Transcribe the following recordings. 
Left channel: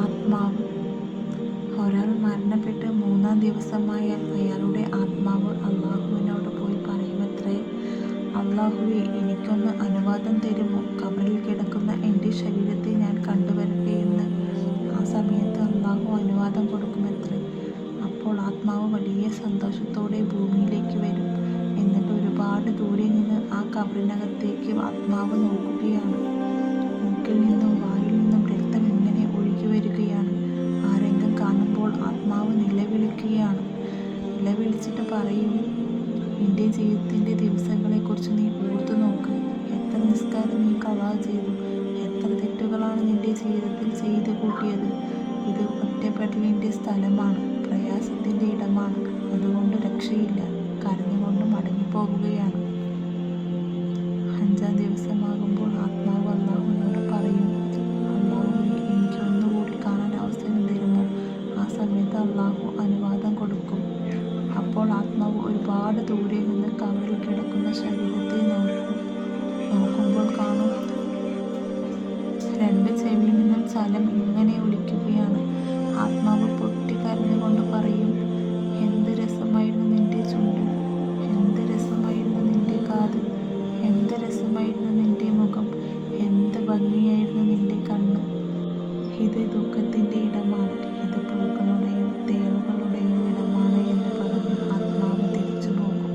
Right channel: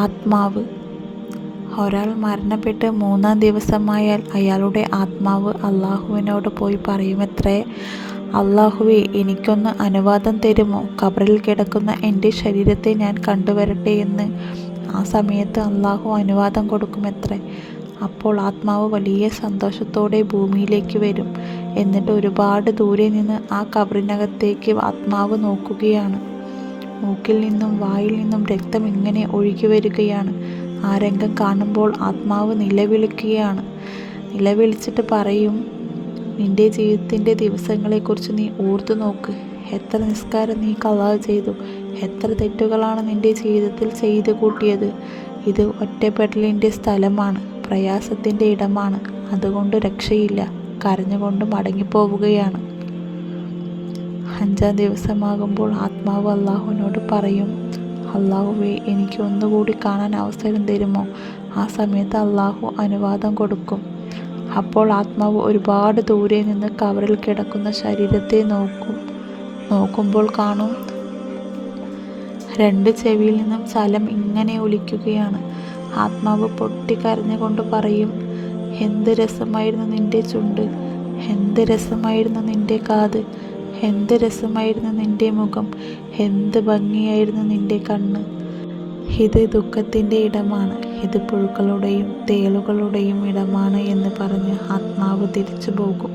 ആത്മാവ്. ഒരാൾ മരണപ്പെട്ട് 3-ാം ദിവസമായാൽ അയാളുടെ ആത്മാവ് അള്ളാഹുവിനോട് പോയി പറയുമത്രേ, അള്ളാഹുവേ, എനിക്കൊന്ന് അനുവാദം തരുമോ? ഖബറിൽ കിടക്കുന്ന എൻ്റെ ശരീരത്തെ ഞാൻ കണ്ടുവരട്ടെ എന്ന്. ആ സമയത്ത് അള്ളാഹു അനുവാദം കൊടുക്കുമത്രേ. അപ്പോൾ ആത്മാവ് വലിയ സന്തോഷത്തോടെ ഭൂമിയിലേക്ക് വരും. എന്നിട്ട് ഒരുപാട് ദൂരെ നിന്ന് ആ ഖബറിനകത്തേക്ക് ആത്മാവ് നോക്കുകയാണ്. മൂക്കിൽ നിന്നും വായിൽ നിന്നും രക്തം ഇങ്ങനെ ഒഴുകി വരികയാണ്. ആ രംഗം കാണുമ്പോൾ ആത്മാവ് നിലവിളിക്കുകയാണ്. നിലവിളിച്ചിട്ട് പറയും, നിന്റെ ജീവിതത്തിൻ്റെ ദിവസങ്ങളെക്കുറിച്ച് നീ ഓർത്തു നോക്ക്. എത്ര നിസ്കാരം നീ കളാ ചെയ്തു, എത്ര തെറ്റുകളാണ് നിന്റെ ജീവിതത്തിൽ ചെയ്തു കൂട്ടിയത്. ഇത് ഒറ്റപ്പെടലിൻ്റെ സ്ഥലമാണ്, പ്രയാസത്തിൻ്റെ ഇടമാണ്, അതുകൊണ്ട് രക്ഷയില്ല. കരഞ്ഞുകൊണ്ട് മടങ്ങിപ്പോവുകയാണ്. 5-ാം ദിവസമാകുമ്പോൾ ആത്മാവ് അള്ളാഹുവിനോട് പറയും, അള്ളാഹുവേ, എനിക്ക് ഒന്നുകൂടി കാണാൻ അവസരം തരുമോ? ആ സമയത്ത് അള്ളാഹു അനുവാദം കൊടുക്കും. അപ്പോൾ ആത്മാവ് ഒരുപാട് ദൂരെ നിന്ന് കവറിൽ കിടക്കുന്ന ശരീരത്തെ നോക്കുമ്പോൾ കാണും, 2 ചെവിയിൽ നിന്നും ചലം ഇങ്ങനെ ഒലിക്കുകയാണ്. ആത്മാവ് പൊട്ടിക്കരഞ്ഞുകൊണ്ട് പറയും, എന്ത് രസമായിരുന്നു നിന്റെ ചുണ്ട്, എന്ത് രസമായിരുന്നു നിന്റെ കാത്, എന്ത് രസമായിരുന്നു നിന്റെ മുഖം, എന്ത് ഭംഗിയായിരുന്നു നിന്റെ കണ്ണ്. ഇത് ദുഃഖത്തിൻ്റെ ഇടമാണ്, ഇത് പുഴുക്കളുടെയും തേളുകളുടെയും ഇടമാണ് എന്ന് പറഞ്ഞ് ആത്മാവ് തിരിച്ചു പോകും.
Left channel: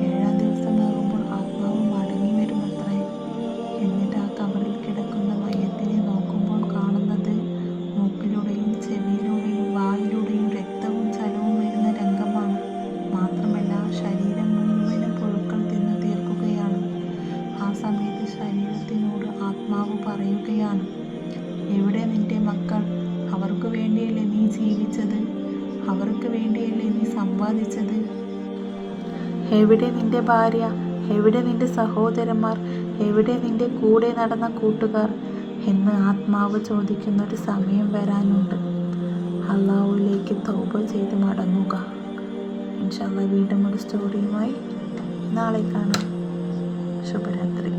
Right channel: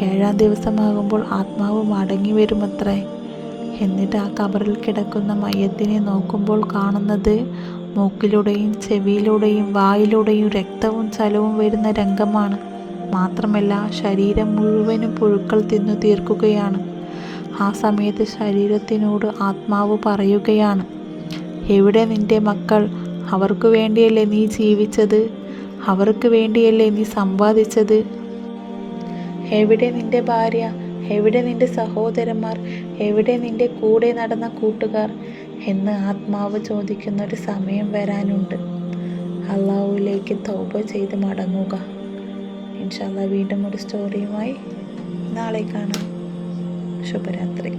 7-ാം ദിവസമാകുമ്പോൾ ആത്മാവ് മടങ്ങി വരുമത്രേ. എന്നിട്ട് ആ ഖബറിൽ കിടക്കുന്ന മയ്യത്തിനെ നോക്കുമ്പോൾ കാണുന്നത് മൂക്കിലൂടെയും ചെവിയിലൂടെയും വായിലൂടെയും രക്തവും ചലവും വരുന്ന രംഗമാണ്. മാത്രമല്ല, ശരീരം മുഴുവനും പുഴുക്കൾ തിന്നു തീർക്കുകയാണ്. ആ സമയത്ത് ശരീരത്തിനോട് ആത്മാവ് പറയുകയാണ്, എവിടെ നിന്റെ മക്കൾ? അവർക്ക് വേണ്ടിയല്ലേ നീ ജീവിച്ചത്? അവർക്ക് വേണ്ടിയല്ലേ നീ സമ്പാദിച്ചത്? എവിടെ നിന്റെ ഭാര്യ? എവിടെ നിന്റെ സഹോദരന്മാർ? എവിടെ നിന്റെ കൂടെ നടന്ന കൂട്ടുകാർ എന്ന് ആത്മാവ് ചോദിക്കുന്നൊരു സമയം വരാനുണ്ട്. അള്ളാഹുവിലേക്ക് തൗബ ചെയ്ത് മടങ്ങുക. ഇൻഷാ അല്ലാഹ് വീണ്ടും ഒരു സ്റ്റോറിയുമായി നാളെ കാണാം. ശുഭരാത്രി.